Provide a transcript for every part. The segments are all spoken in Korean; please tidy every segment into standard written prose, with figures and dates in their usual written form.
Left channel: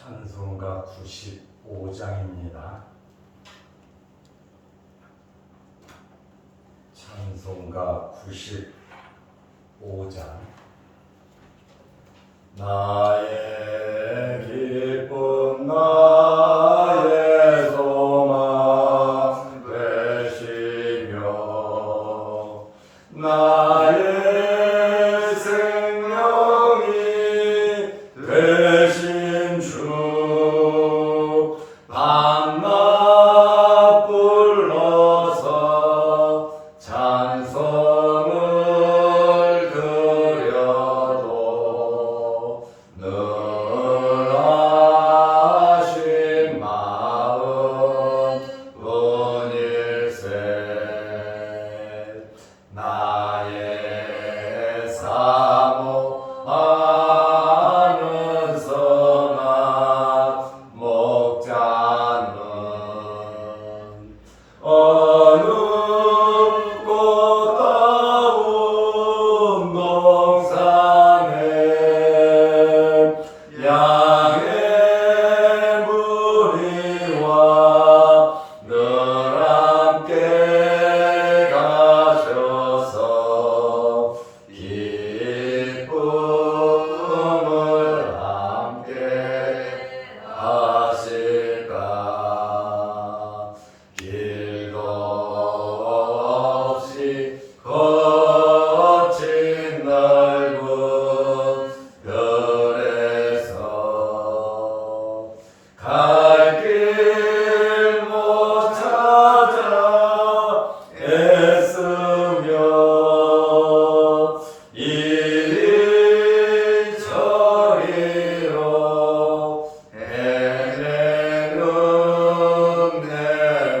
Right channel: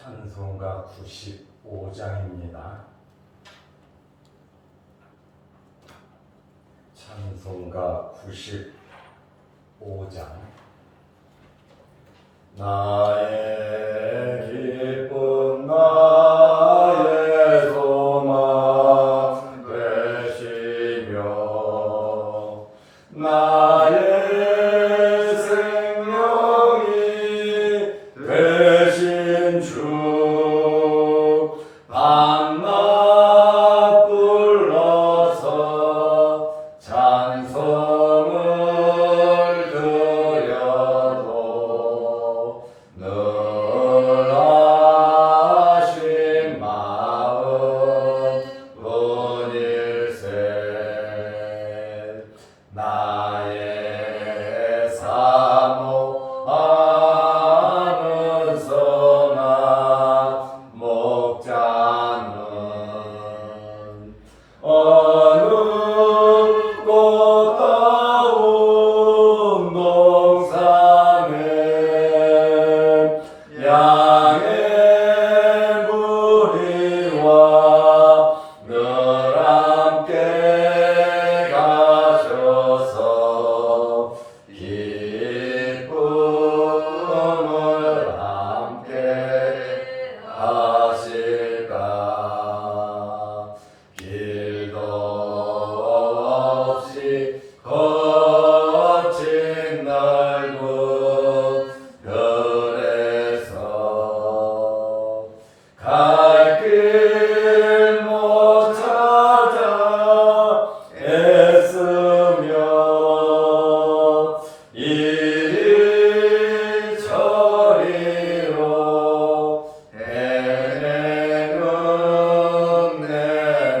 찬송가 95장입니다. 찬송가 95장. 나의 기쁨 나의 소망 되시며 나의 생명이 되신 주 밤낮 불러서 찬송을 드려도 늘 하신 마음 뿐일세. 나의 사모하는 선한 목자는 어느 꽃다운 동산에 양의 무리와 늘 함께 가셔서 기쁨을 함께 하실까. 길도 없이 거친 넓은 별에서 갈 길 못 찾아 애쓰며 이리 저리로 헤매는 내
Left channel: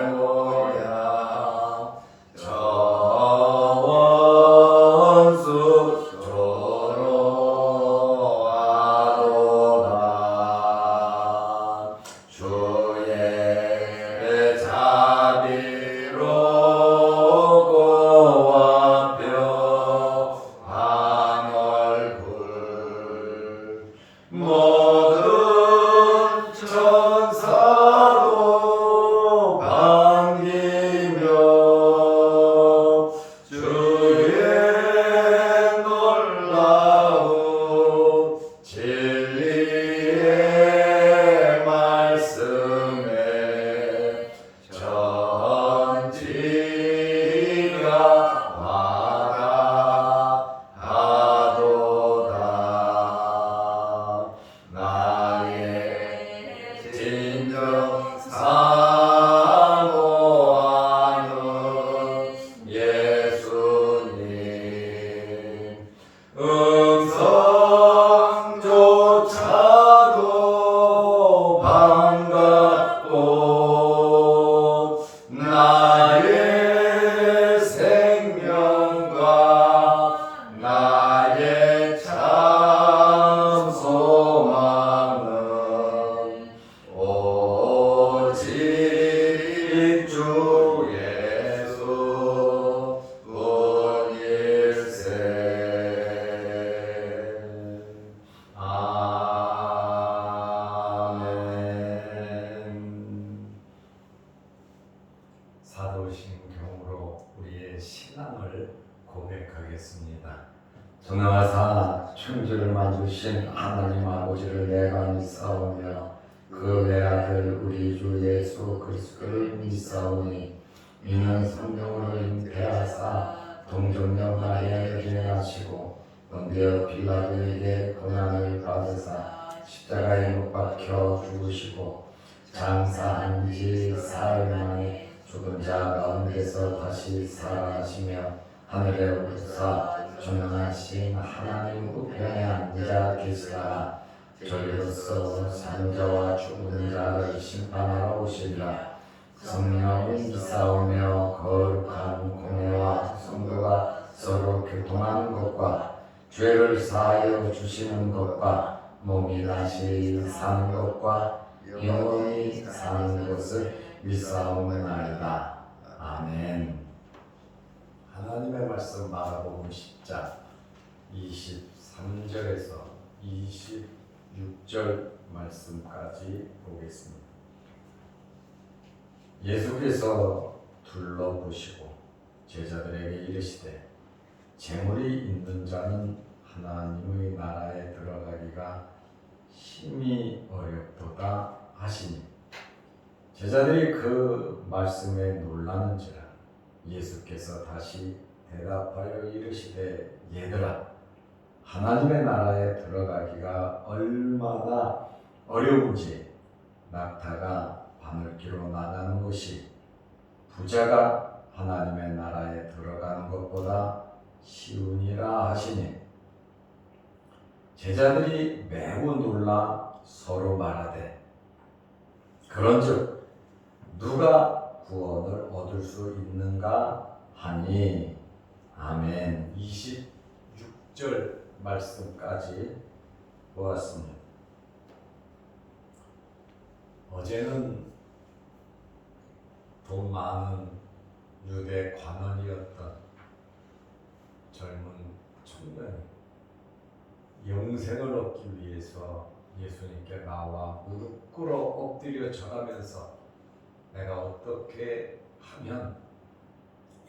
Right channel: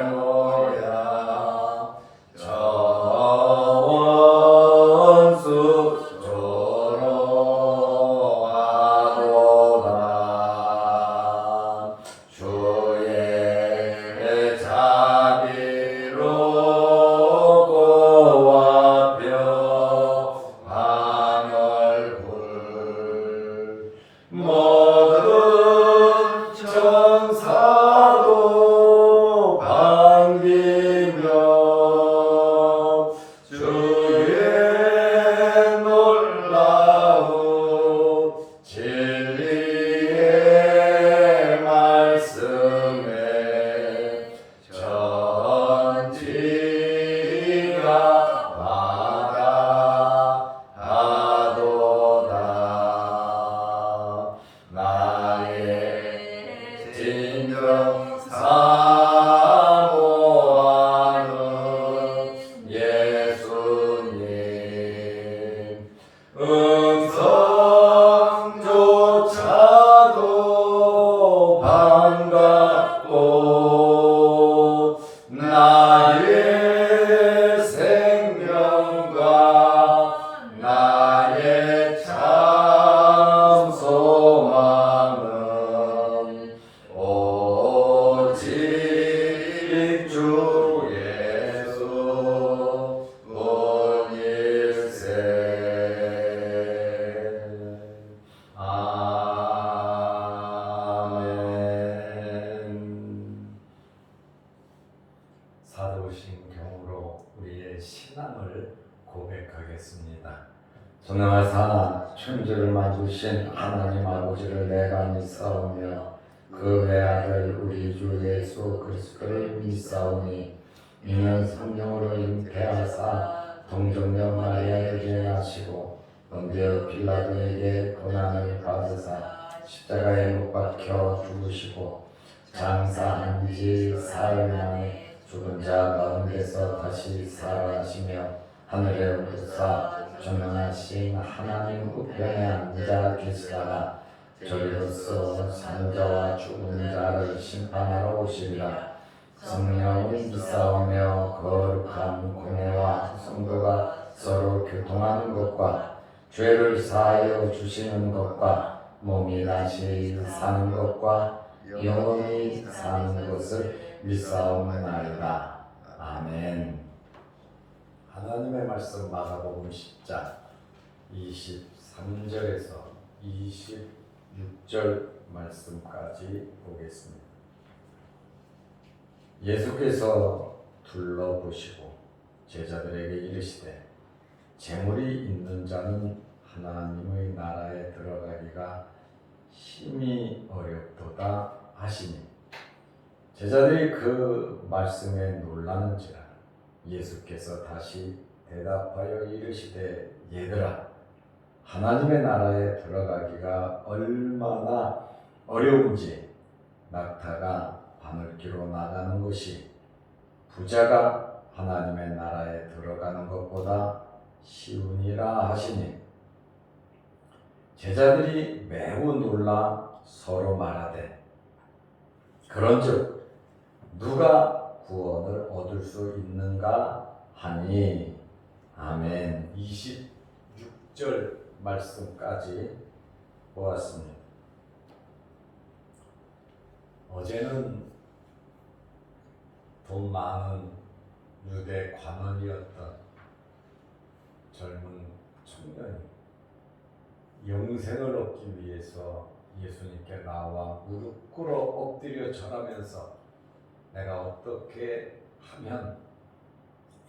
모양 저 원수 조로하도다. 주의 자비로 고와펴한 얼굴 모든 천사도 반기며 주의 놀라운 진리의 말씀에 전지가 받아가도다. 나의 진정 사모하는 예수님 음성조차도 반갑고 나의 생명과 나의 참 소망은 오직 주 예수 뿐일세. 아멘. 사도신경으로 우리의 신앙을 고백하겠습니다. 전능하사 천지를 만드신 하나님 아버지를 내가 믿사오며 그 외아들 우리 주 예수 그리스도를 믿사오니 이는 성령으로 잉태하사 동정녀 마리아를 지내시고 본디오 빌라도에게 고난을 받으사 십자가에 못 박혀 죽으시고 장사한 지 사흘 만에 죽은 자 가운데서 다시 살아나시며 하늘에 오르사 전능하신 하나님 우편에 앉아 계시다가 저리로서 사는 자와 죽은 자를 심판하러 오시리라. 성령을 믿사오며 거룩한 공회와 성도가 서로 교통하는 것과 죄를 사하여 주시는 것과 몸이 다시 사는 것과 영원히 사는 것을 믿사옵나이다. 아멘. 하나님의 말씀 마가복음 10장 23절에서 25 6절 말씀까지 보겠습니다. 예수께서 둘러보시고 제자들에게 이르시되 재물이 있는 자는 하나님의 나라에 들어가기가 심히 어렵도다 하시니 제자들이 그 말씀에 놀라는지라. 예수께서 다시 대답하여 이르시되 얘들아 하나님의 나라에 들어가기가 얼마나 어려운지 낙타가 바늘기로 나가는 것이 부자가 하나님의 나라에 들어가는 것보다 쉬우니라 하시니 제자들이 매우 놀라 서로 말하되 그런즉 누가 구원을 얻을 수 있는가 하니 아멘. 26절 말씀까지 보았습니다. 어제는 돈 많은 유대 관원이었던 젊은 청년이 영생을 얻기 위해서 예수님께 나와 무릎 꿇어 엎드려 절하면서 내가 어떻게 하면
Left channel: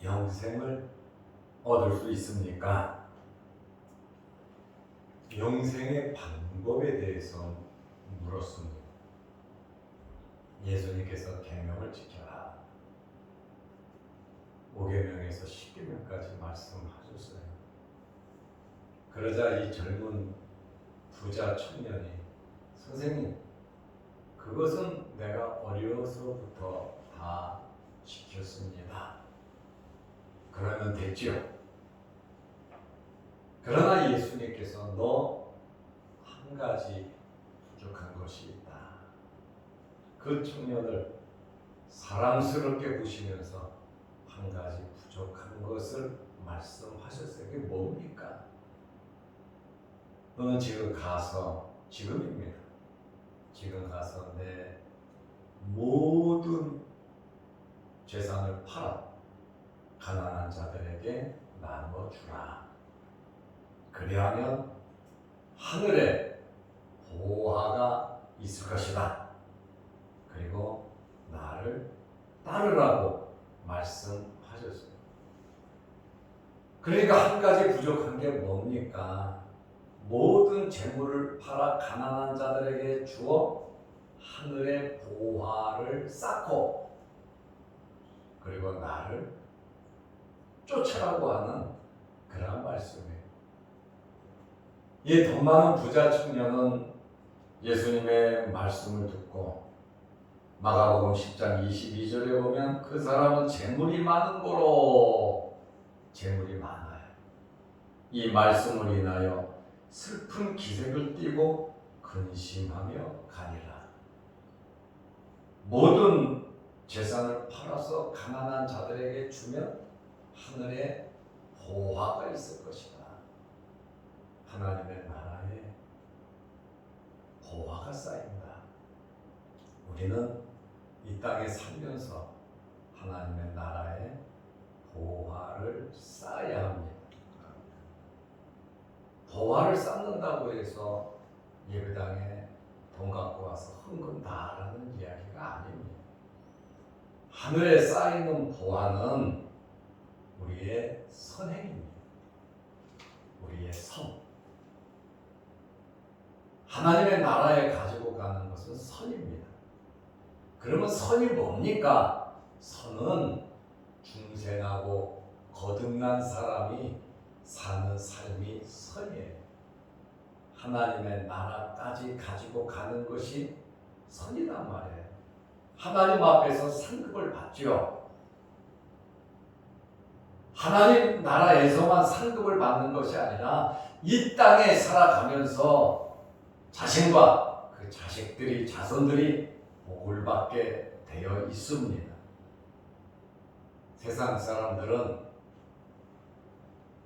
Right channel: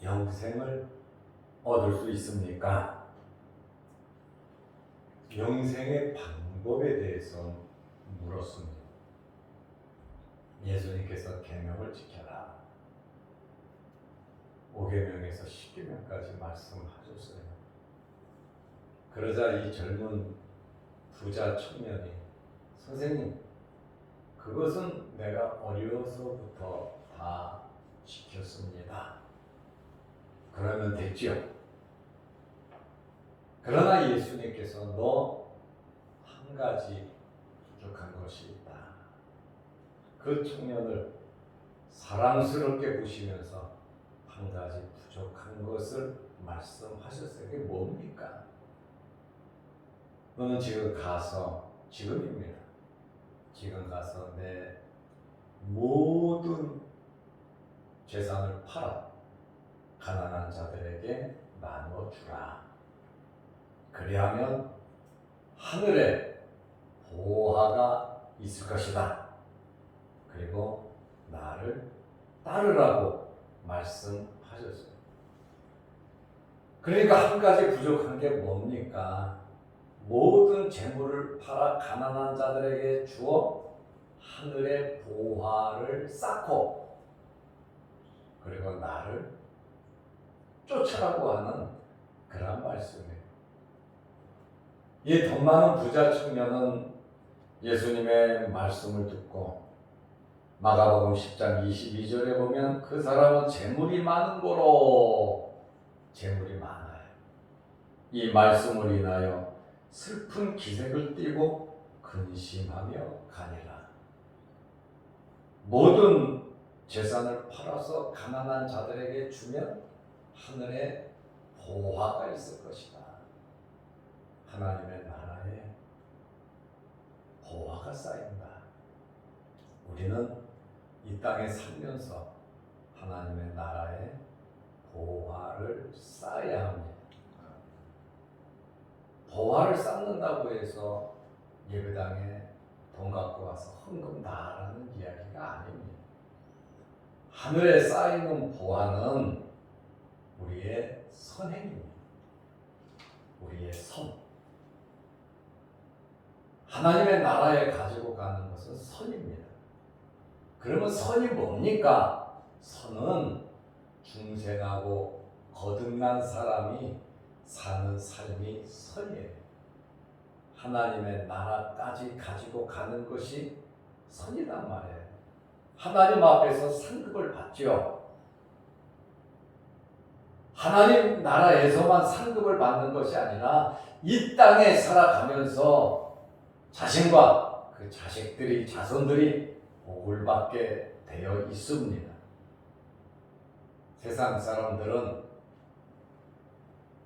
영생을 얻을 수 있습니까? 영생의 방법에 대해서 물었습니다. 예수님께서 계명을 지켜라. 5계명에서 10계명까지 말씀하셨어요. 그러자 이 젊은 부자 청년이 선생님, 그것은 내가 어려서부터 다 지켰습니다. 그러면 됐죠. 그러나 예수님께서 너 한 가지 부족한 것이 있다. 그 청년을 사랑스럽게 보시면서 한 가지 부족한 것을 말씀하셨어요. 그게 뭡니까? 너는 지금 가서, 지금입니다. 지금 가서 내 모든 재산을 팔아 가난한 자들에게 나누어 주라. 그리하면 하늘에 보화가 있을 것이다. 그리고 나를 따르라고 말씀하셨어요. 그러니까 한 가지 부족한 게 뭡니까? 모든 재물을 팔아 가난한 자들에게 주어 하늘의 보화를 쌓고 그리고 나를 쫓아라고 하는 그런 말씀이에요. 이 돈 많은 부자 청년은 예수님의 말씀을 듣고 마가복음 10장 22절에 보면 그 사람은 재물이 많은 거로 재물이 많아요. 이 말씀을 인하여 슬픈 기색을 띠고 근심하며 가니라. 모든 재산을 팔아서 가난한 자들에게 주면 하늘에 보화가 있을 것이다. 하나님의 나라에 보화가 쌓인다. 우리는 이 땅에 살면서 하나님의 나라에 보화를 쌓아야 합니다. 보화를 쌓는다고 해서 예배당에 돈 갖고 와서 헌금 다라는 이야기가 아닙니다. 하늘에 쌓이는 보화는 우리의 선행입니다. 우리의 선. 하나님의 나라에 가지고 가는 것은 선입니다. 그러면 선이 뭡니까? 선은 중생하고 거듭난 사람이 사는 삶이 선이에요. 하나님의 나라까지 가지고 가는 것이 선이란 말이에요. 하나님 앞에서 상급을 받죠. 하나님 나라에서만 상급을 받는 것이 아니라 이 땅에 살아가면서 자신과 그 자식들이, 자손들이 복을 받게 되어 있습니다. 세상 사람들은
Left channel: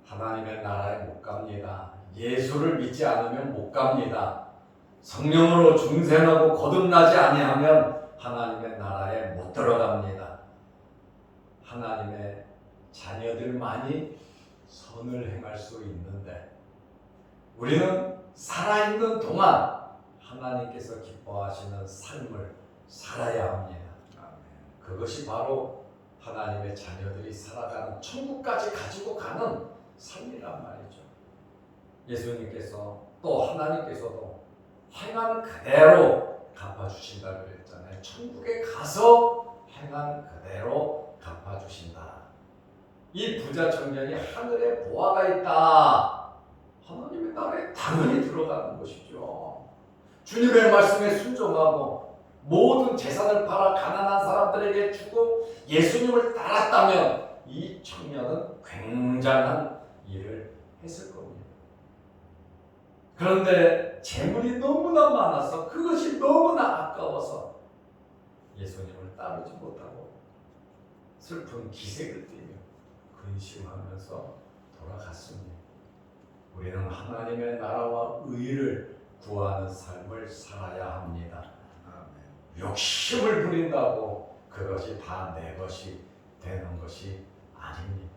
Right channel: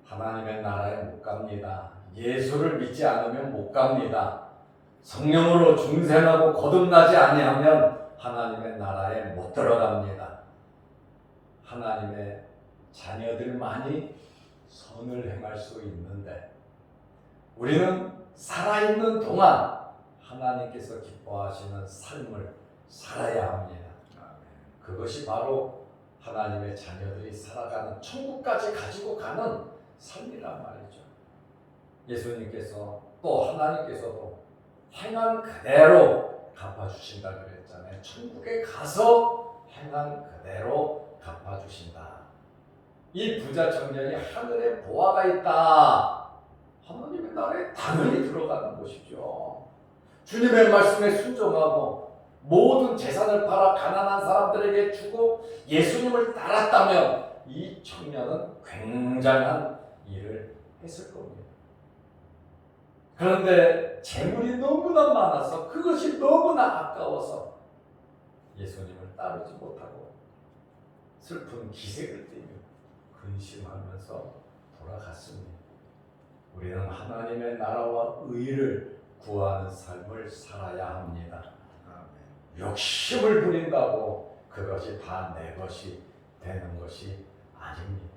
하나님의 나라에 못 갑니다. 예수를 믿지 않으면 못 갑니다. 성령으로 중생하고 거듭나지 아니하면 하나님의 나라에 못 들어갑니다. 하나님의 자녀들만이 선을 행할 수 있는데 우리는 살아있는 동안 하나님께서 기뻐하시는 삶을 살아야 합니다. 그것이 바로 하나님의 자녀들이 살아가는 천국까지 가지고 가는 삶이란 말이죠. 예수님께서 또 하나님께서도 행한 그대로 갚아주신다 그랬잖아요. 천국에 가서 행한 그대로 갚아주신다. 이 부자 청년이 하늘에 보화가 있다. 하나님의 나라에 당연히 들어가는 것이죠. 주님의 말씀에 순종하고 모든 재산을 팔아 가난한 사람들에게 주고 예수님을 따랐다면 이 청년은 굉장한 일을 했을 겁니다. 그런데 재물이 너무나 많아서 그것이 너무나 아까워서 예수님을 따르지 못하고 슬픈 기색을 띠며 근심하면서 돌아갔습니다. 우리는 하나님의 나라와 의를 구하는 삶을 살아야 합니다. 욕심을 부린다고 그것이 다 내 것이 되는 것이 아닙니다.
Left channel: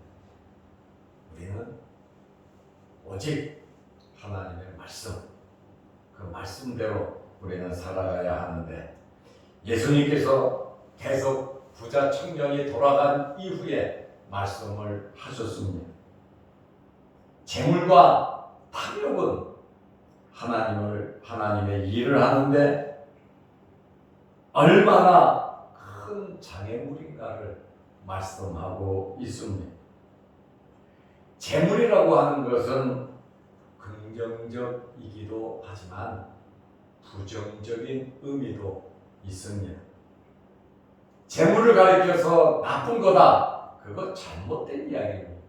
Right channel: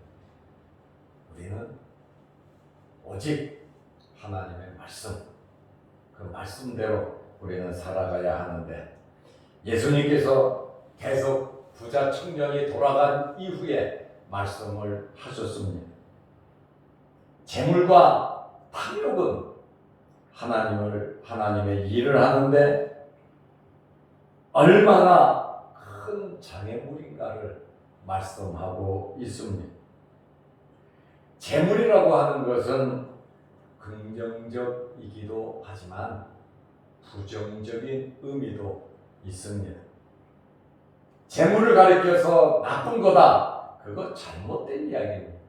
우리는 오직 하나님의 말씀, 그 말씀대로 우리는 살아가야 하는데 예수님께서 계속 부자 청년이 돌아간 이후에 말씀을 하셨습니다. 재물과 탐욕은 하나님의 일을 하는데 얼마나 큰 장애물인가를 말씀하고 있습니다. 재물이라고 하는 것은 긍정적이기도 하지만 부정적인 의미도 있습니다. 재물을 가리켜서 나쁜 거다, 그거 잘못된 이야기입니다.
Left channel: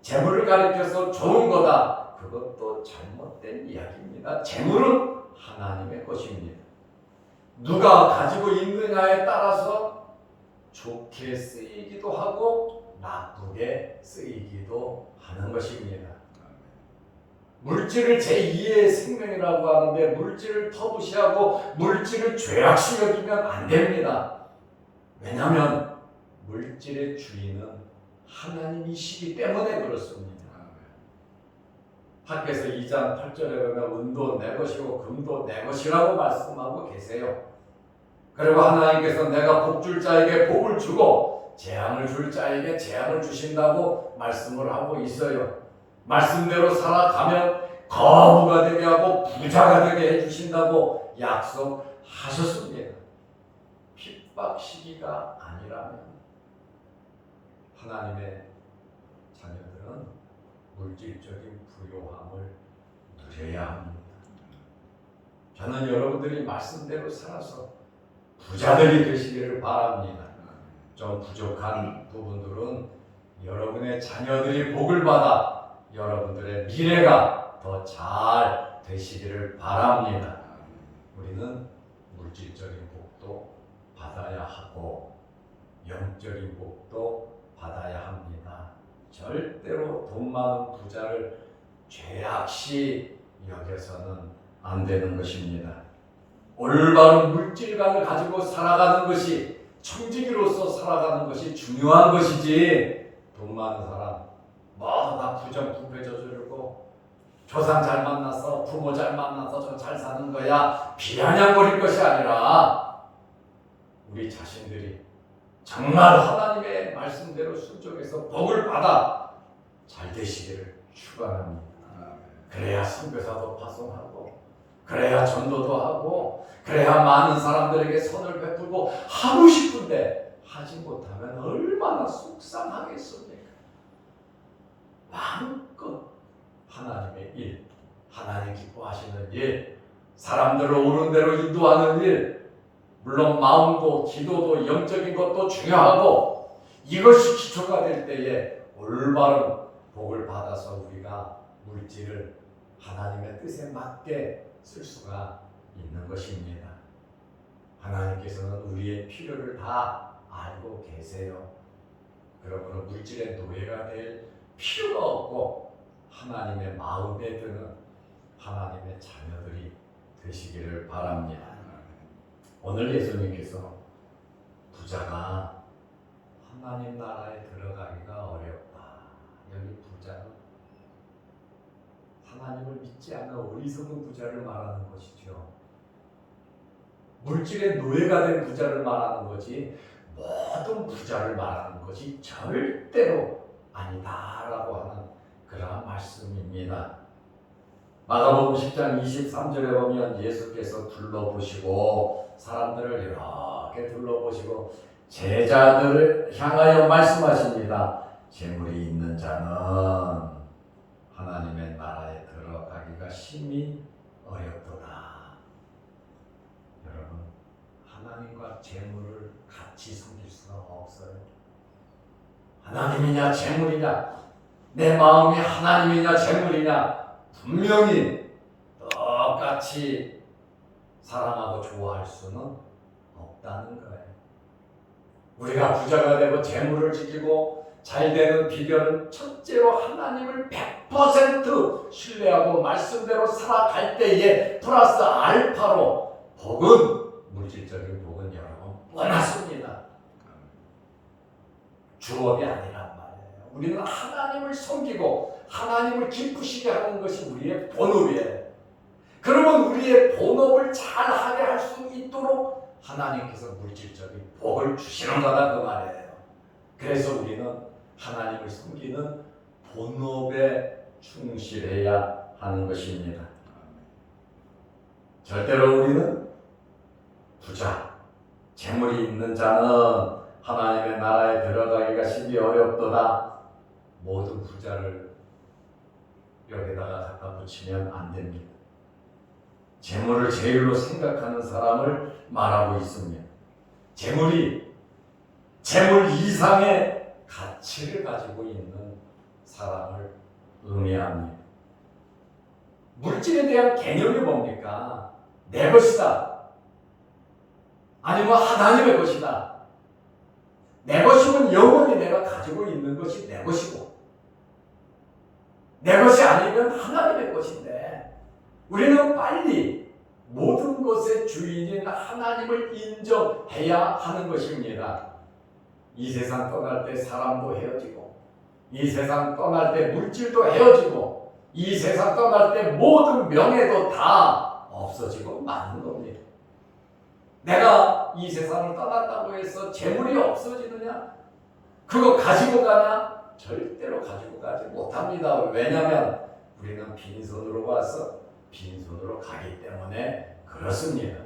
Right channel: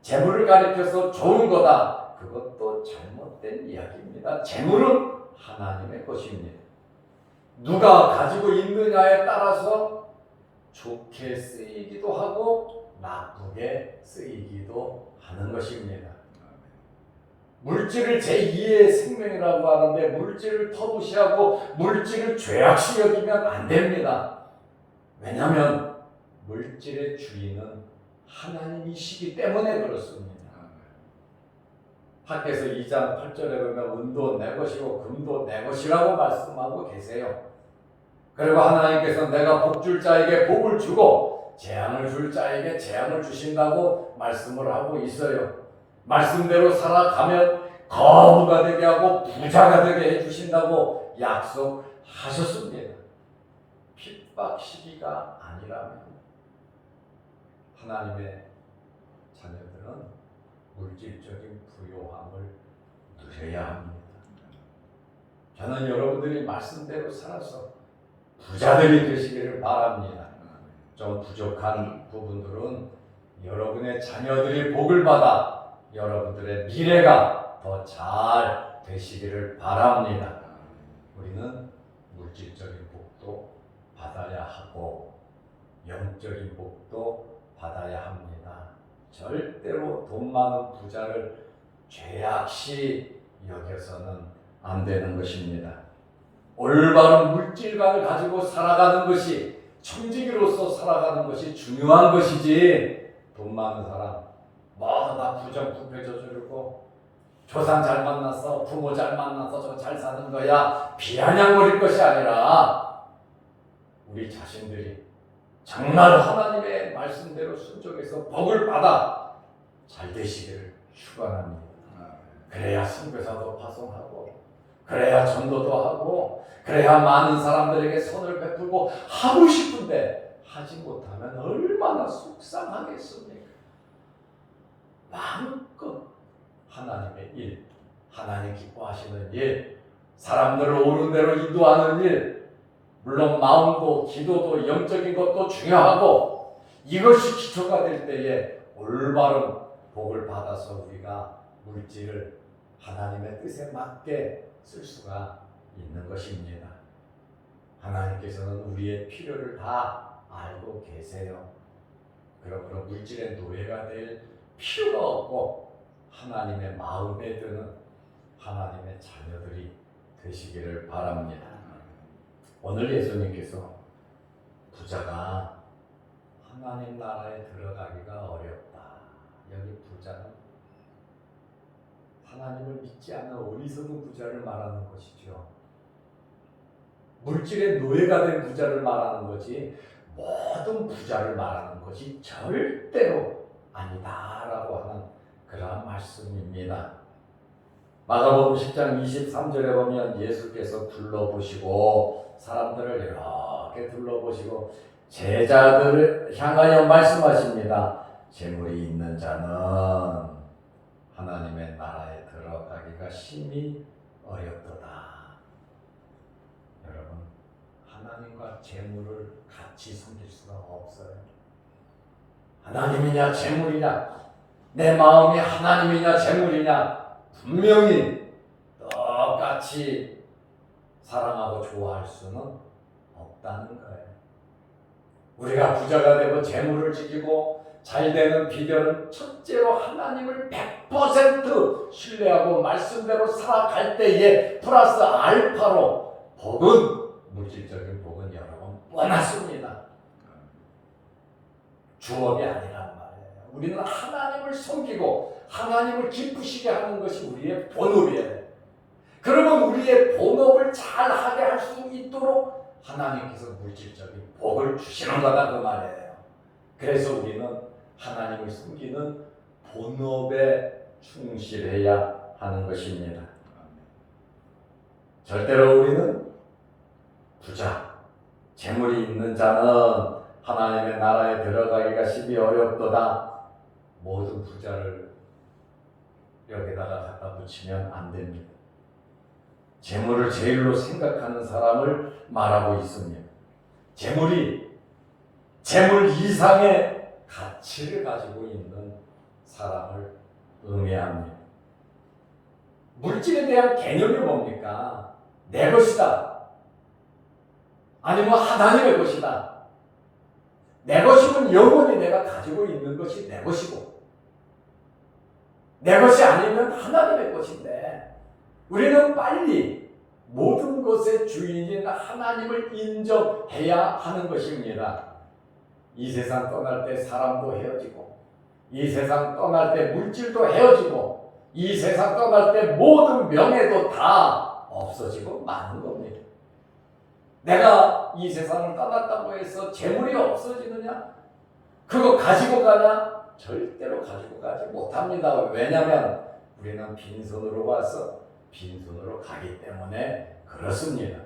재물을 가리켜서 좋은 거다, 그것도 잘못된 이야기입니다. 재물은 하나님의 것입니다. 누가 가지고 있느냐에 따라서 좋게 쓰이기도 하고 나쁘게 쓰이기도 하는 것입니다. 물질을 제2의 생명이라고 하는데 물질을 터부시하고 물질을 죄악시 여기면 안 됩니다. 왜냐하면 물질의 주인은 하나님이시기 때문에 그렇습니다. 학개서 2장 8절에 보면 은도 내 것이고 금도 내 것이라고 말씀하고 계세요. 그리고 하나님께서 내가 복 줄 자에게 복을 주고 재앙을 줄 자에게 재앙을 주신다고 말씀을 하고 있어요. 말씀대로 살아가면 거부가 되게 하고 부자가 되게 해주신다고 약속하셨습니다. 핍박 시기가 아니라면 하나님의 자녀들은 물질적인 부요함을 누려야 합니다. 저는 여러분들이 말씀대로 살아서 부자들이 되시기를 바랍니다. 좀 부족한 부분들은 여러분의 자녀들이 복을 받아 여러분들의 미래가 더 잘 되시기를 바랍니다. 우리는 물질적인 복도 받아야 하고 영적인 복도 받아야 합니다. 절대로 돈 많은 부자를 죄악시 여겨서는 안 되는 것입니다. 올바른 물질관을 가지고 살아가는 것이 청지기로서 살아가는 것이 중요한 것이지 돈 많은 사람 다 부정부패 저지르고 조상 잘 만나서 부모 잘 만나서 저 잘 사는 거야 비아냥거릴 것이 아니라 우리 자신들이 정말 하나님의 말씀대로 순종해서 복을 받아 잘 되시기를 축원합니다. 그래야 선교사도 파송하고 그래야 전도도 하고 그래야 많은 사람들에게 선을 베풀고 하고 싶은데 하지 못하면 얼마나 속상하겠습니까? 마음껏 하나님의 일, 하나님 기뻐하시는 일, 사람들을 옳은 대로 인도하는 일, 물론 마음도 기도도 영적인 것도 중요하고 이것이 기초가 될 때에 올바른 복을 받아서 우리가 물질을 하나님의 뜻에 맞게 쓸 수가 있는 것입니다. 하나님께서는 우리의 필요를 다 알고 계세요. 그러므로 물질의 노예가 될 필요가 없고 하나님의 마음에 드는 하나님의 자녀들이 되시기를 바랍니다. 오늘 예수님께서 부자가 하나님 나라에 들어가기가 어렵다. 여기 부자는 하나님을 믿지 않는 어리석은 부자를 말하는 것이죠. 물질의 노예가 된 부자를 말하는 거지 모든 부자를 말하는 것이 절대로 아니다라고 하는 그러한 말씀입니다. 마가복음 10장 23절에 보면 예수께서 둘러보시고 사람들을 이렇게 둘러보시고 제자들을 향하여 말씀하십니다. 재물이 있는 자는 하나님의 나라에 들어가기가 심히 어렵도다. 여러분, 하나님과 재물을 같이 섬길 수가 없어요. 하나님이냐 재물이냐, 내 마음이 하나님이냐 재물이냐, 분명히 똑같이 사랑하고 좋아할 수는 없다는 거예요. 우리가 부자가 되고 재물을 지키고 잘 되는 비결은 첫째로 하나님을 100% 신뢰하고 말씀대로 살아갈 때에 플러스 알파로 복은, 물질적인 복은 여러분 뻔하습니다. 주업이 아니란 말이에요. 우리는 하나님을 섬기고 하나님을 기쁘시게 하는 것이 우리의 본업이에요. 그러면 우리의 본업을 잘하게 할 수 있도록 하나님께서 물질적인 복을 주시는 거다 그 말이에요. 그래서 우리는 하나님을 섬기는 본업에 충실해야 하는 것입니다. 절대로 우리는 부자, 재물이 있는 자는 하나님의 나라에 들어가기가 심히 어렵도다. 모든 부자를 여기다가 갖다 붙이면 안 됩니다. 재물을 제일로 생각하는 사람을 말하고 있습니다. 재물이 재물 이상의 가치를 가지고 있는 사람을 의미합니다. 물질에 대한 개념이 뭡니까? 내 것이다. 아니면 하나님의 것이다. 내 것이면 영원히 내가 가지고 있는 것이 내 것이고, 내 것이 아니면 하나님의 것인데, 우리는 빨리 모든 것의 주인인 하나님을 인정해야 하는 것입니다. 이 세상 떠날 때 사람도 헤어지고, 이 세상 떠날 때 물질도 헤어지고, 이 세상 떠날 때 모든 명예도 다 없어지고 마는 겁니다. 내가 이 세상을 떠났다고 해서 재물이 없어지느냐? 그거 가지고 가냐? 절대로 가지고 가지 못합니다. 왜냐하면 우리는 빈손으로 와서 빈손으로 가기 때문에 그렇습니다.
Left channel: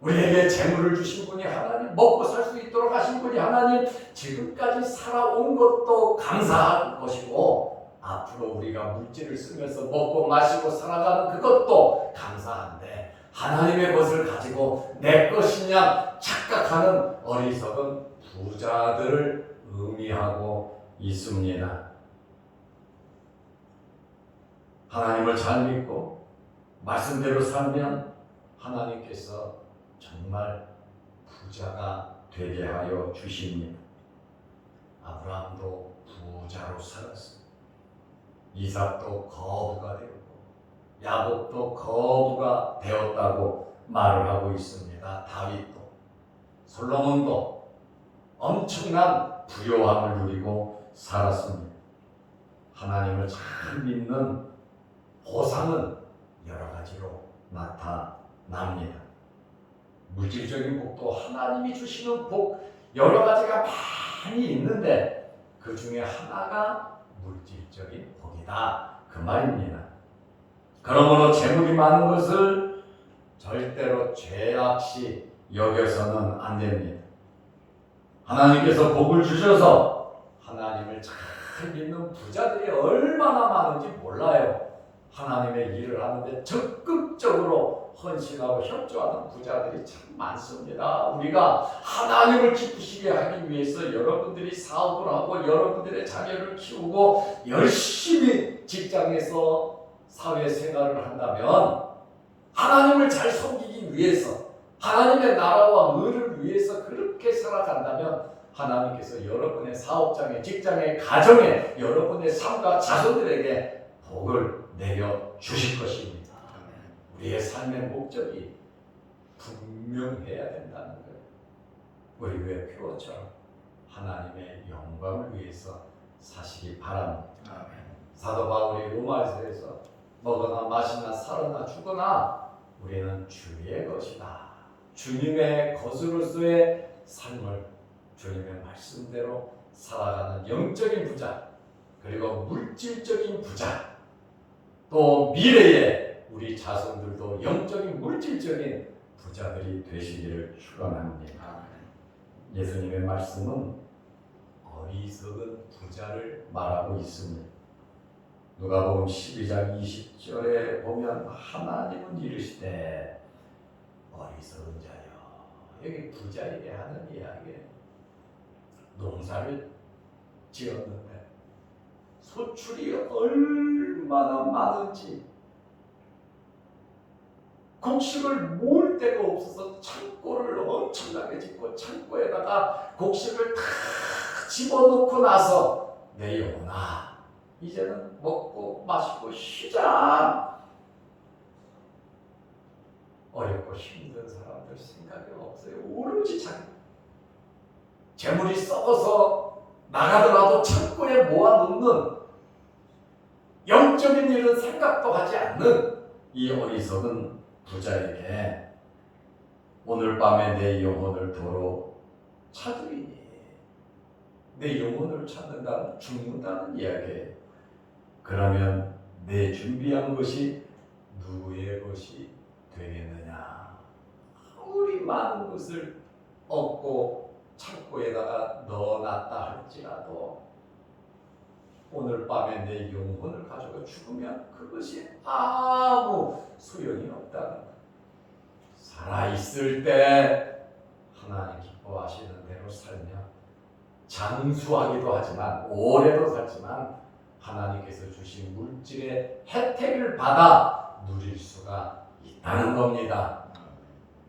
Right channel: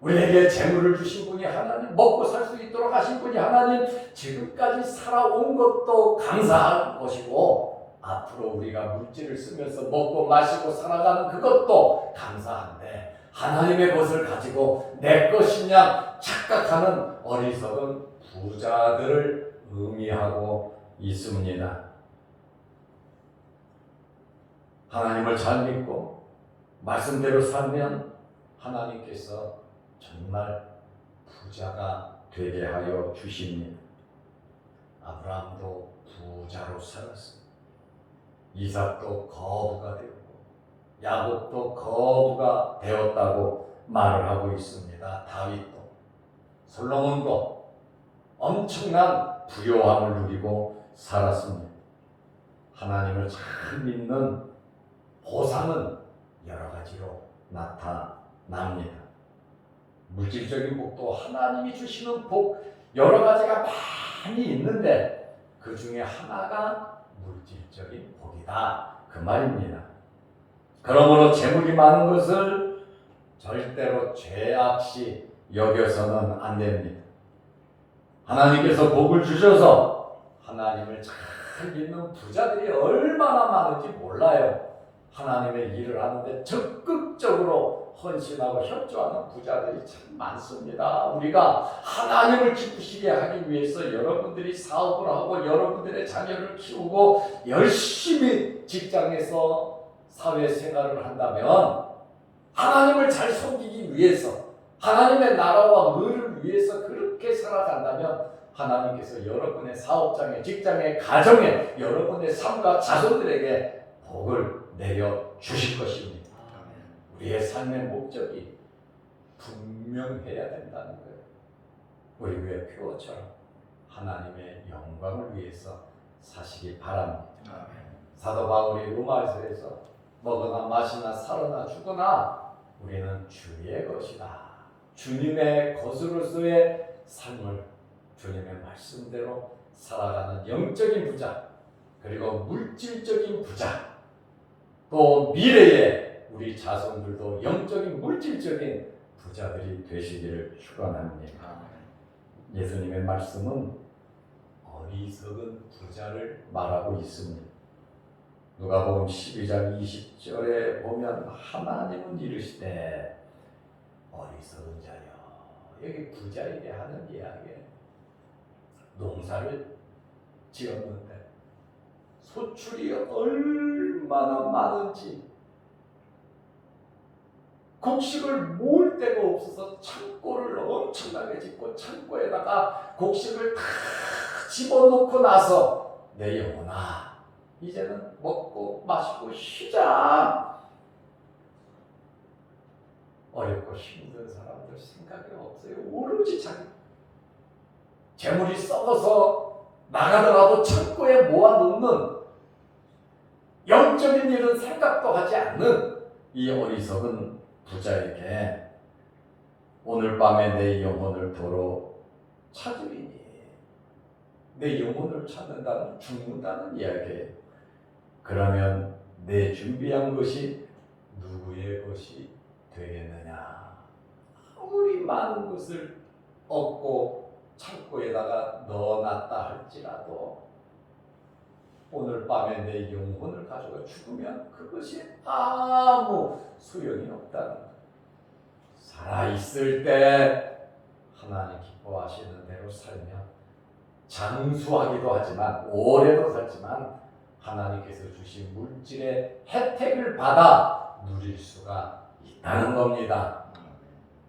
우리에게 재물을 주신 분이 하나님, 먹고 살 수 있도록 하신 분이 하나님, 지금까지 살아온 것도 감사할 것이고 앞으로 우리가 물질을 쓰면서 먹고 마시고 살아가는 그것도 감사한데, 하나님의 것을 가지고 내 것이냐 착각하는 어리석은 부자들을 의미하고 있습니다. 하나님을 잘 믿고 말씀대로 살면 하나님께서 정말 부자가 되게 하여 주십니다. 아브라함도 부자로 살았습니다. 이삭도 거부가 되었고 야곱도 거부가 되었다고 말을 하고 있습니다. 다윗도, 솔로몬도 엄청난 부요함을 누리고 살았습니다. 하나님을 잘 믿는 보상은 여러 가지로 나타납니다. 물질적인 복도 하나님이 주시는 복 여러 가지가 많이 있는데 그 중에 하나가 물질적인 복이다 그 말입니다. 그러므로 재물이 많은 것을 절대로 죄악시 여겨서는 안 됩니다. 하나님께서 복을 주셔서 하나님을 잘 믿는 부자들이 얼마나 많은지 몰라요. 하나님의 일을 하는데 적극적으로 헌신하고 협조하는 부자들이 참 많습니다. 우리가 하나님을 기쁘시게 하기 위해서 여러분들이 사업을 하고 여러분들의 자녀를 키우고 열심히 직장에서 사회생활을 한다면, 하나님을 잘 섬기기 위해서 하나님의 나라와 의를 위해서 그렇게 살아간다면 하나님께서 여러분의 사업장에, 직장에, 가정에, 여러분의 삶과 자손들에게 복을 내려 주실 것입니다. 우리의 삶의 목적이 분명해야 된다는 거예요. 우리 교회 표어처럼 하나님의 영광을 위해서 사시기 바랍니다. 사도 바울이 로마서에서 먹으나 마시나 살으나 죽으나 우리는 주의 것이다 주님의 것으로서의 삶을 주님의 말씀대로 살아가는 영적인 부자, 그리고 물질적인 부자, 또 미래에 우리 자손들도 영적인 물질적인 부자들이 되시기를 축원합니다. 예수님의 말씀은 어리석은 부자를 말하고 있습니다. 누가복음 12장 20절에 보면 하나님은 이르시되 어리석은 자여, 여기 부자에게 하는 이야기예요. 농사를 지었는데 소출이 얼마나 많은지 곡식을 모을 데가 없어서 창고를 엄청나게 짓고 창고에다가 곡식을 다 집어넣고 나서 내 영혼아 이제는 먹고 마시고 쉬자. 어렵고 힘든 사람들 생각이 없어요. 오로지 자기 재물이 썩어서 나가더라도 창고에 모아놓는 영적인 일은 생각도 하지 않는 이 어리석은 부자에게 오늘 밤에 내 영혼을 도로 찾으리니, 내 영혼을 찾는다면 죽는다는 이야기예요. 그러면 내 준비한 것이 누구의 것이 되겠느냐? 아무리 많은 것을 얻고 창고에다가 넣어놨다 할지라도 오늘 밤에 내 영혼을 가져가 죽으면 그것이 아무 소용이 없다. 살아있을 때 하나님 기뻐하시는 대로 살며 장수하기도 하지만 오래도 살지만 하나님께서 주신 물질의 혜택을 받아 누릴 수가 있다는 겁니다.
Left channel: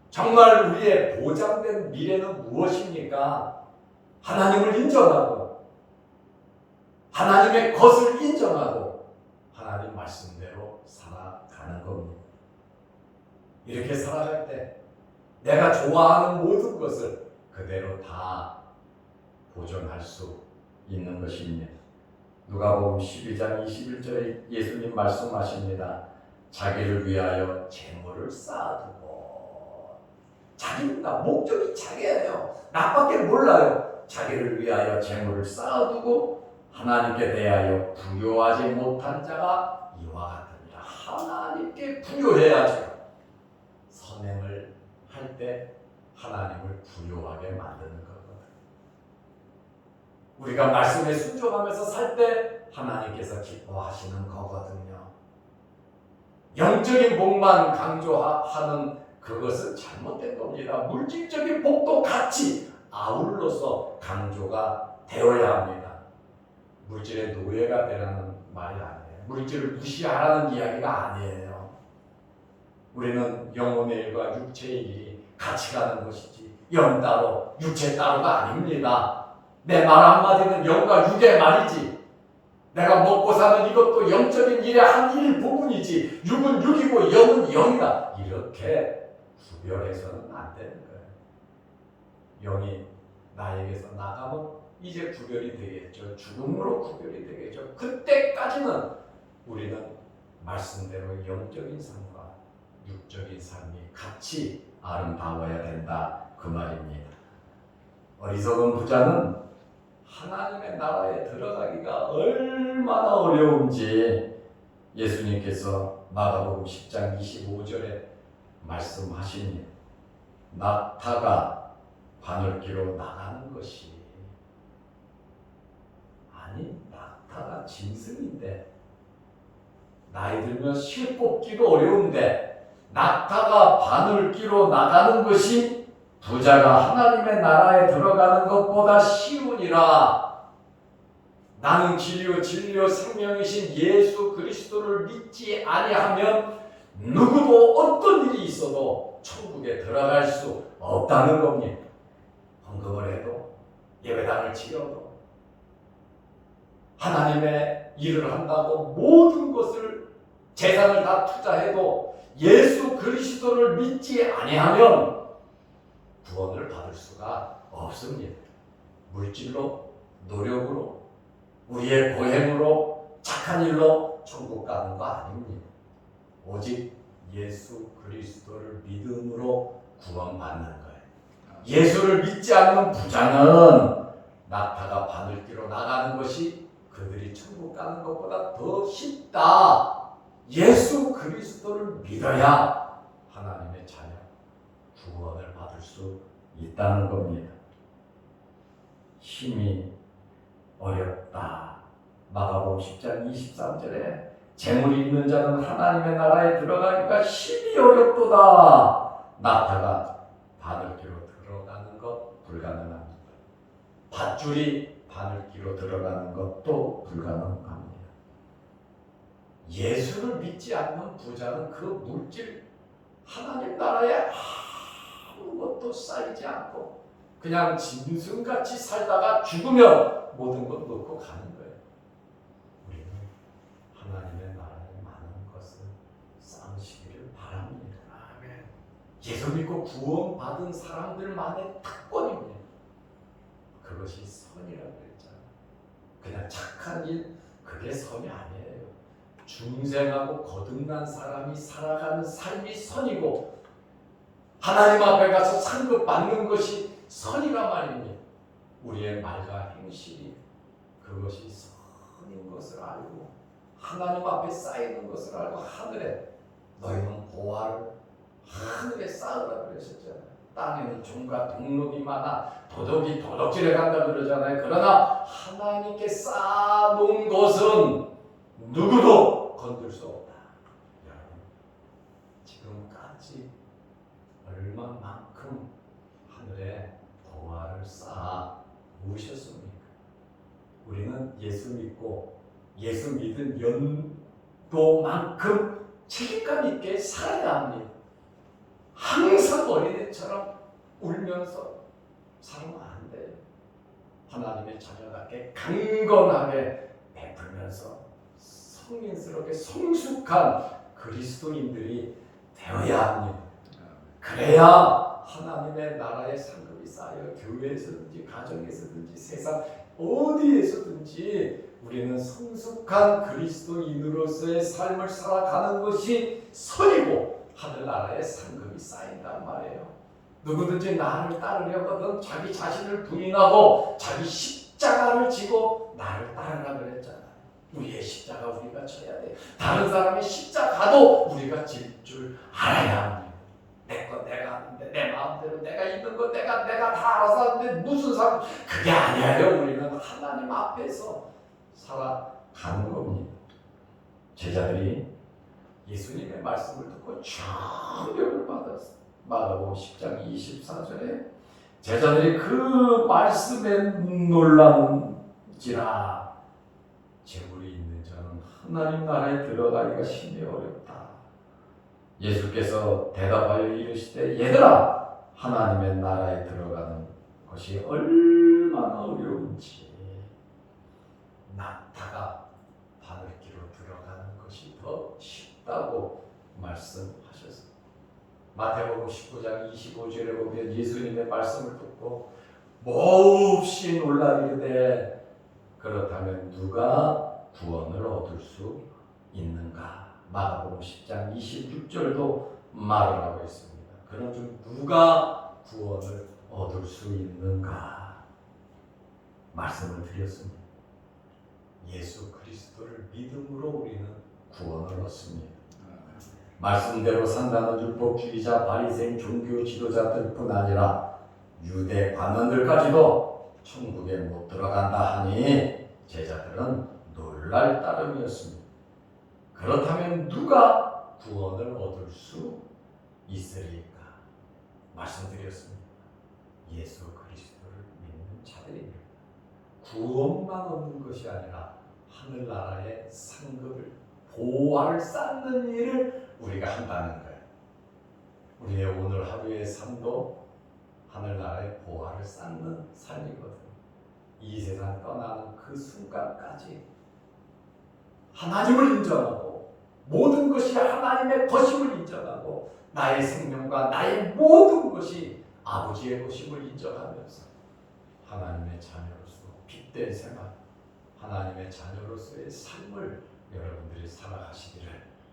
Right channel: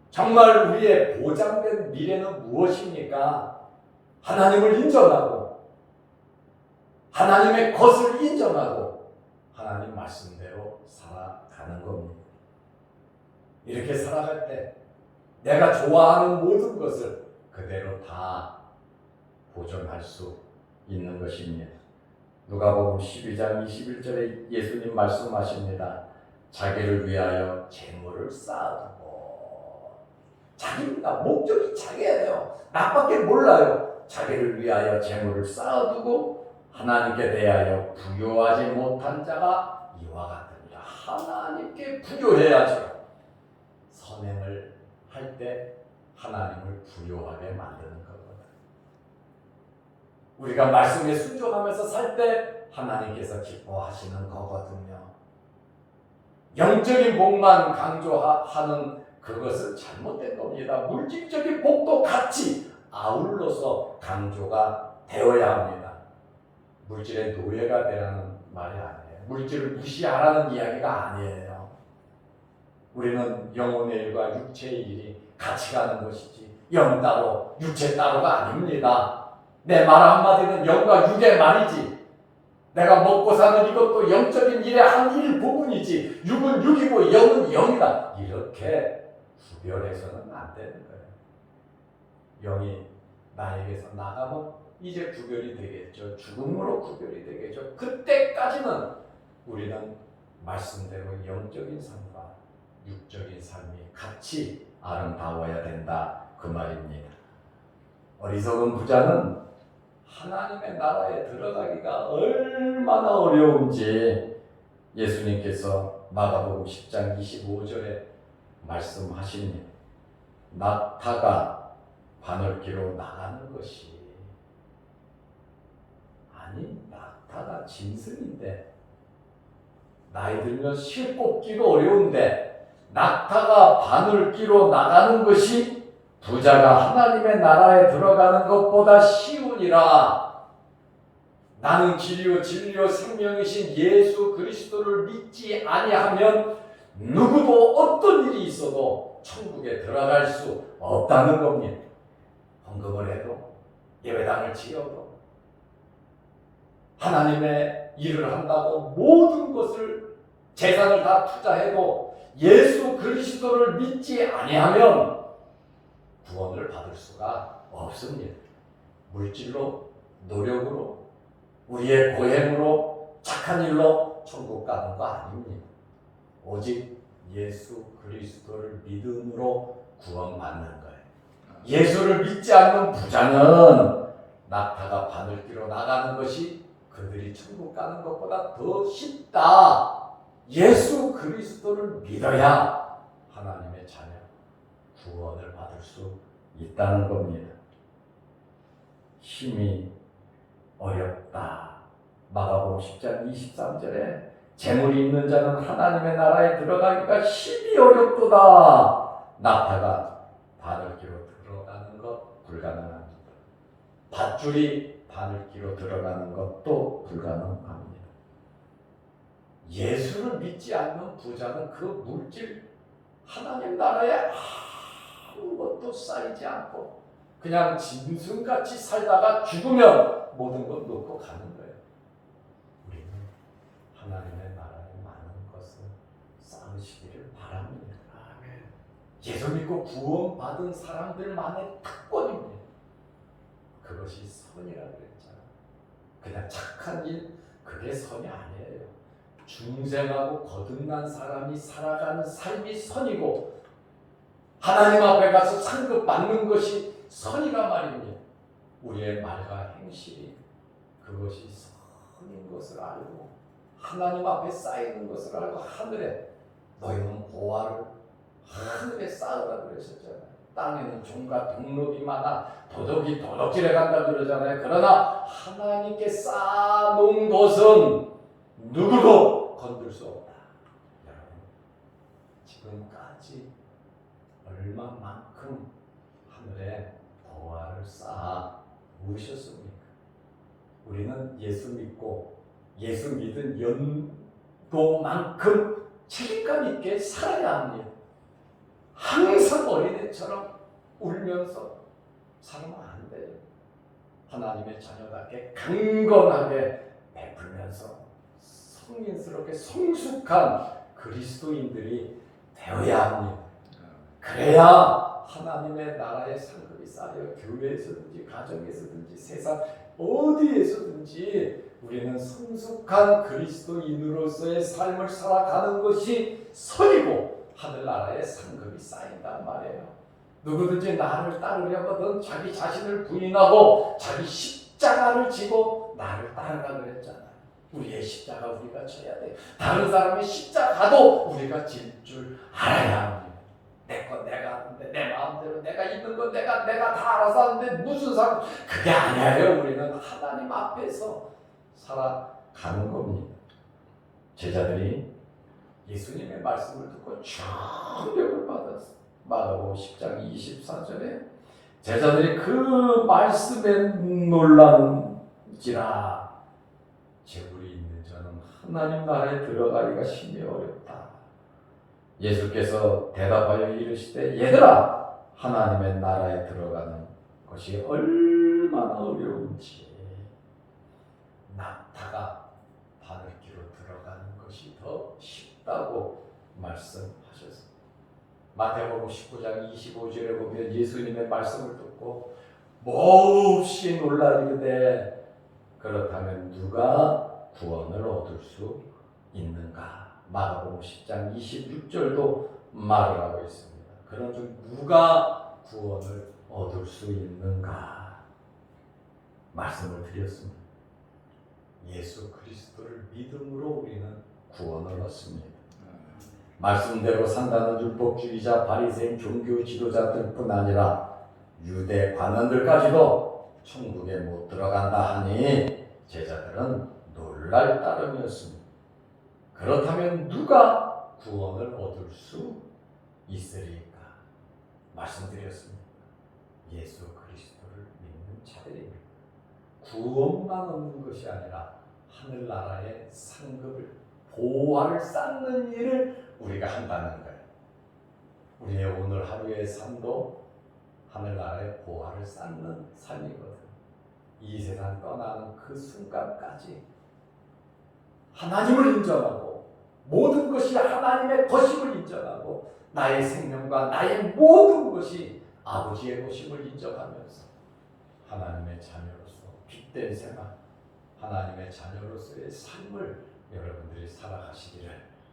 정말 우리의 보장된 미래는 무엇입니까? 하나님을 인정하고 하나님의 것을 인정하고 하나님 말씀대로 살아가는 겁니다. 이렇게 살아갈 때 내가 좋아하는 모든 것을 그대로 다 보존할 수 있는 것입니다. 누가복음 12장 21절에 예수님 말씀하십니다. 자기를 위하여 재물을 쌓아두고, 자기입니다. 목적이 자기예요. 나밖에 몰라요. 자기를 위하여 재물을 쌓아두고 하나님께 대하여 부요하지 못한 자가 이와 같으니라. 하나님께 부요해야죠. 선행을 할 때 하나님을 부요하게 만드는 거거든요. 우리가 말씀에 순종하면서 살 때 하나님께서 기뻐하시는 거거든요. 영적인 복만 강조하는 그것은 잘못된 겁니다. 물질적인 복도 같이 아울러서 강조가 되어야 합니다. 물질의 노예가 되라는 말이 아니에요. 물질을 무시하라는 이야기가 아니에요. 우리는 영혼의 일과 육체의 일이 같이 가는 것이지 영 따로 육체 따로가 아닙니다. 내 말 한마디는 영과 육의 말이지, 내가 먹고 사는 이것도 영적인 일의 한 일부분이지 육은 육이고 영은 영이다, 이렇게 구별해서는 안 되는 거예요. 영이 나에게서 나가면 이제 구별이 되겠죠. 죽음으로 구별이 되겠죠. 그때까지는 우리는 말씀대로 영적인 삶과 육적인 삶이 같이 아름다워야 된다, 그 말입니다. 어리석은 부자는 하나님의 나라에 들어가기가 얼마나 어려운지 예수님께서 마가복음 10장 25절에 말씀하십니다. 낙타가 바늘기로 나가는 것이, 아니 낙타가 짐승인데 나이 들면 실 꽂기도 어려운데 낙타가 바늘기로 나가는 것이 부자가 하나님의 나라에 들어가는 것보다 쉬우니라. 나는 길이요 진리요 생명이신 예수 그리스도를 믿지 아니하면 누구도 어떤 일이 있어도 천국에 들어갈 수 없다는 겁니다. 헌금을 해도 예배당을 지어도 하나님의 일을 한다고 모든 것을 재산을 다 투자해도 예수 그리스도를 믿지 아니하면 구원을 받을 수가 없습니다. 물질로, 노력으로, 우리의 고행으로, 착한 일로 천국 가는 거 아닙니다. 오직 예수 그리스도를 믿음으로 구원받는 거예요. 예수를 믿지 않는 부자는 낙타가 바늘길로 나가는 것이 그들이 천국 가는 것보다 더 쉽다. 예수 그리스도를 믿어야 하나님의 자녀 구원을 받을 수 있다는 겁니다. 힘이 어렵다. 마가복음 10장 23절에 재물이 있는 자는 하나님의 나라에 들어가기가 힘이 어렵도다. 낙타가 바늘길로 들어가는 것 불가능합니다. 밧줄이 바늘길로 들어가는 것도 불가능합니다. 예수를 믿지 않는 부자는 그 물질 하나님 나라에 아무것도 쌓이지 않고 그냥 짐승같이 살다가 죽으면 모든 것 놓고 가는 거예요. 우리는 하나님의 나라에 많은 것을 쌓으시기를 바랍니다. 아멘. 예수 믿고 구원받은 사람들만의 특권입니다. 그것이 선이라고 그랬잖아요. 그냥 착한 일, 그게 선이 아니에요. 중생하고 거듭난 사람이 살아가는 삶이 선이고 하나님 앞에 가서 상급 받는 것이 선이란 말입니다. 우리의 말과 행실이 그것이 선인 것을 알고 하나님 앞에 쌓이는 것을 알고 하늘에 너희는 보화를 하늘에 쌓으라 그러셨잖아요. 땅에는 종과 동록이 많아 도둑이 도둑질해 간다 그러잖아요. 그러나 하나님께 쌓아놓은 것은 누구도 건들 수 없다. 여러분, 지금까지 얼마만큼 하늘에 보화를 쌓아 모으셨습니까? 우리는 예수 믿고 예수 믿은 연도만큼 책임감 있게 살아야 합니다. 항상 어린애처럼 울면서 살면 안 돼요. 하나님의 자녀답게 강건하게 베풀면서 성인스럽게 성숙한 그리스도인들이 되어야 합니다. 그래야 하나님의 나라의 상급이 쌓여 교회에서든지 가정에서든지 세상 어디에서든지 우리는 성숙한 그리스도인으로서의 삶을 살아가는 것이 선이고 하늘나라의 상급이 쌓인단 말이에요. 누구든지 나를 따르려거든 자기 자신을 부인하고 자기 십자가를 지고 나를 따르라 그랬잖아요. 우리의 십자가 우리가 져야 돼. 다른 사람의 십자가도 우리가 질 줄 알아야 합니다. 내 건 내가 하는데 내 마음대로 내가 있는 건 내가 다 알아서 하는데 무슨 상관? 그게 아니에요. 우리는 하나님 앞에서 살아가는 겁니다. 제자들이 예수님의 말씀을 듣고 충격을 받았어요. 마가복음 10장 24절에 제자들이 그 말씀에 놀란지라 재물이 있는 자는 하나님 나라에 들어가기가 심히 어렵다. 예수께서 대답하여 이르시되 얘들아 하나님의 나라에 들어가는 것이 얼마나 어려운지 낙타가 바늘길로 들어가는 것이 더 쉽다고 말씀하셨습니다. 마태복음 19장 25절에 보면 예수님의 말씀을 듣고 몹시 놀라 이르되 그렇다면 누가 구원을 얻을 수 있는가? 마가복음 10장 26절도 말을 하고 있습니다. 그런즉 누가 구원을 얻을 수 있는가? 말씀을 드렸습니다. 예수 그리스도를 믿음으로 우리는 구원을 얻습니다. 말씀대로 산다는 율법주의자 바리새인 종교 지도자들뿐 아니라 유대 관원들까지도 천국에 못 들어간다 하니 제자들은 놀랄 따름이었습니다. 그렇다면 누가 구원을 얻을 수 있으리까? 말씀드렸습니다. 예수 그리스도를 믿는 자들입니다. 구원만 얻는 것이 아니라 하늘나라의 상급을 보화를 쌓는 일을 우리가 한다는 거예요. 우리의 오늘 하루의 삶도 하늘나라의 보화를 쌓는 삶이거든. 이 세상 떠나는 그 순간까지 하나님을 인정하고 모든 것이 하나님의 것임을 인정하고 나의 생명과 나의 모든 것이 아버지의 것임을 인정하면서 하나님의 자녀로서 빛된 생활, 하나님의 자녀로서의 삶을 여러분들이 살아가시기를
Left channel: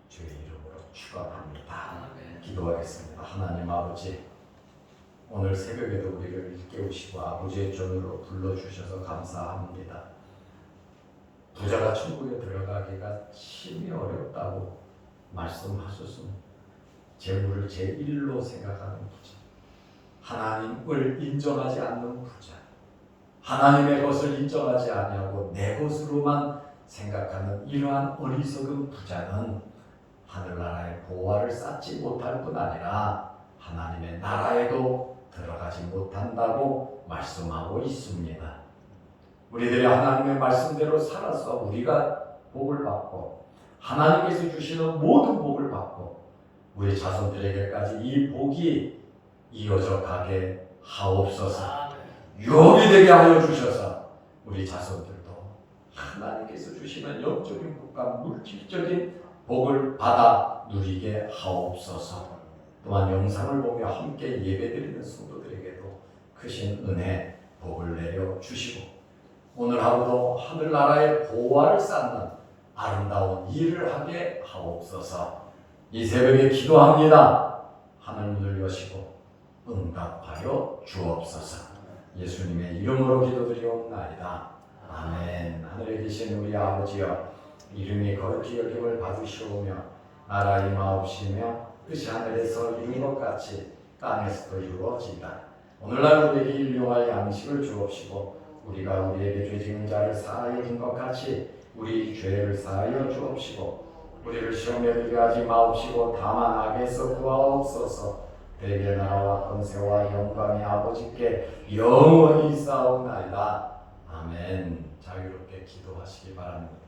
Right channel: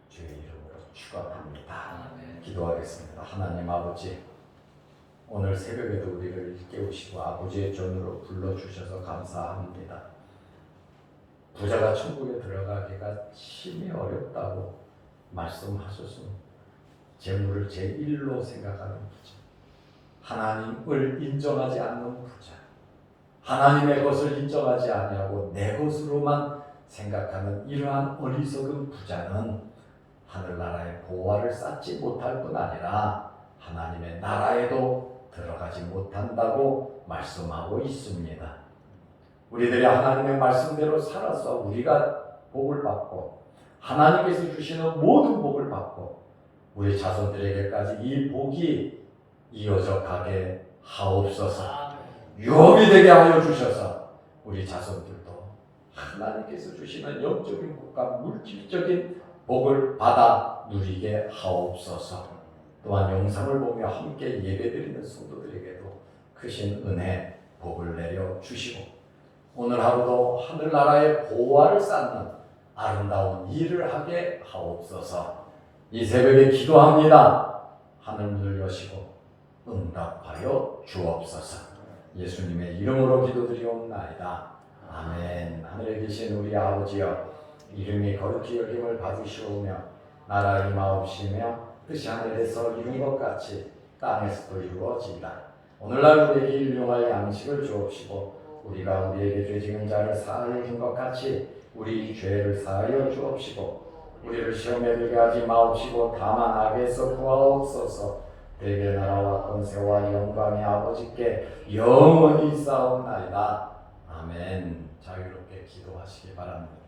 주의 이름으로 축원합니다. 기도하겠습니다. 하나님 아버지, 오늘 새벽에도 우리를 깨우시고 아버지의 존으로 불러주셔서 감사합니다. 부자가 천국에 들어가기가 심히 어렵다고 말씀하셨습니다. 재물을 제1로 생각하는 부자, 하나님을 인정하지 않는 부자, 하나님의 것을 인정하지 아니하고 내 것으로만 생각하는 이러한 어리석은 부자는 하늘나라의 보화를 쌓지 못할 뿐 아니라 하나님의 나라에도 들어가지 못한다고 말씀하고 있습니다. 우리들이 하나님의 말씀대로 살아서 우리가 복을 받고 하나님께서 주시는 모든 복을 받고 우리 자손들에게까지 이 복이 이어져 가게 하옵소서. 유업이 되게 하여 주셔서 우리 자손들도 하나님께서 주시는 영적인 복과 물질적인 복을 받아 누리게 하옵소서. 또한 영상을 보며 함께 예배드리는 성도들에게도 크신 은혜, 복을 내려 주시고 오늘 하루도 하늘나라의 보화를 쌓는 아름다운 일을 하게 하옵소서. 이 새벽에 기도합니다. 하늘문을 여시고 응답하여 주옵소서. 예수님의 이름으로 기도드리옵나이다. 아멘. 하늘에 계신 우리 아버지여, 이름이 거룩히 여김을 받으시오며 나라 임하옵시며 뜻이 하늘에서 이룬 것 같이 땅에서도 이루어지이다. 오늘날 우리에게 일용할 양식을 주옵시고 우리가 우리에게 죄 지은 자를 사하여 준 것 같이 우리 죄를 사하여 주옵시고 우리를 시험에 들게 하지 마옵시고 다만 악에서 구하옵소서. 대개 나라와 권세와 영광이 아버지께 영원히 있사옵나이다. 아멘. 자유롭게 기도하시기 바랍니다.